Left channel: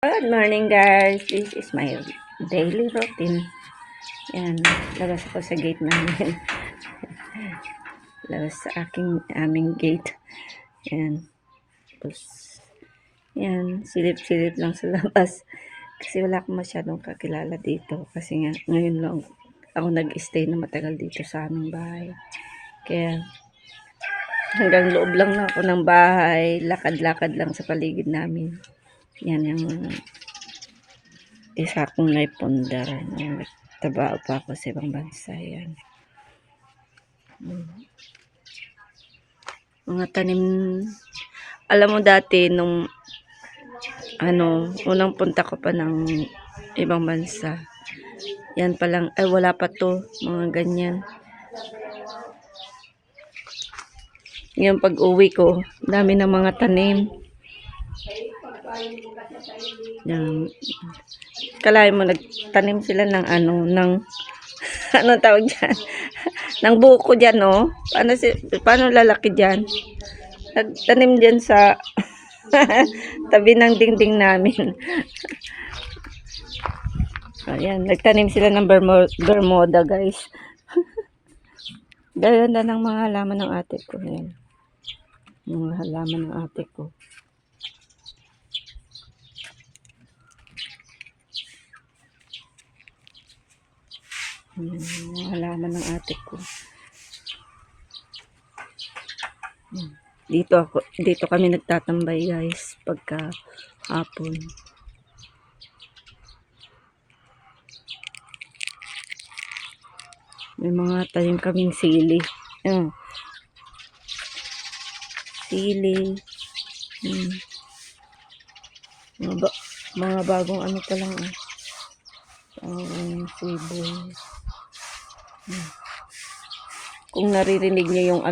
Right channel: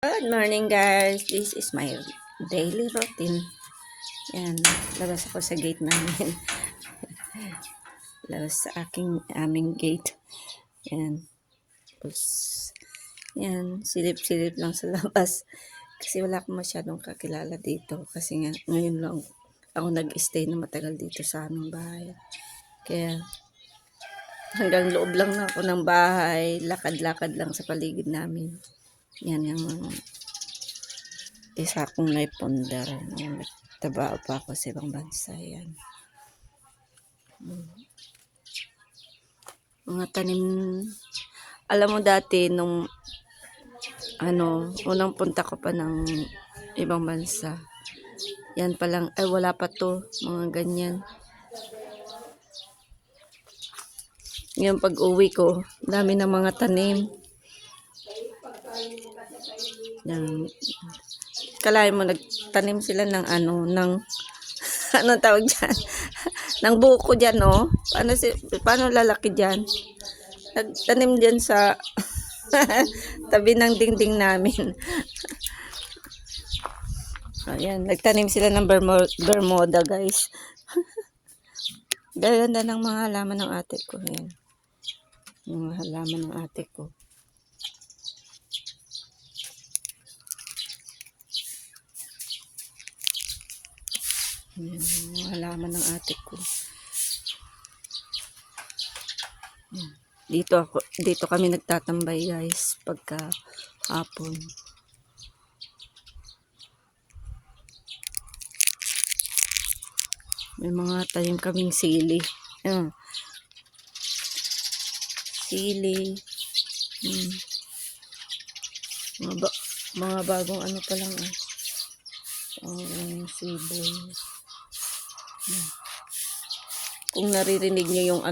Good morning guys, this is my daily routine. Yan, labas ako sa gate namin. Labas sa aming gate. Yan. Tapos, yan, silip-silip lang sa labas. Kasi wala akong masyadong kakilala dito. Kasi nga, ngayon lang ako nag-stay na matagal dito sa aming bahay. Kaya, hanggang loob lang na ako ng bahay. Lakad-lakad lang sa paligid namin. Yan yung isa akong naipundar. Nagtrabaho pa ako sa ibang bansa. Yan. Mga tanim. Alam mo dati nung unang punta ko pa ng ibang bansa. Yan pa lang, ay wala pa to, mga ganyan. Ngayon pag uwi ko, dami ng mga tanim. Yan. Kalahin mo, nagtanim sila ng ano tawag dyan? Ng buko dyan, no? Paano lalaki dyan? Nagtanim dyan sa tabi ng dingding namin. Ayan, nagtanim sila ng bermuda, guys. Ganda ng mga halaman ng ate ko. Ayan. Mga halaman ng ate ko. Ayan, mga halaman ng ate ko. Ayan. Dito kami nagtatambay, guys, pagka hapon. May mga tanim kaming sili. Ayan. Sili. Mga bagong ano pa lang. Sibol. Kung naririnig niyo yung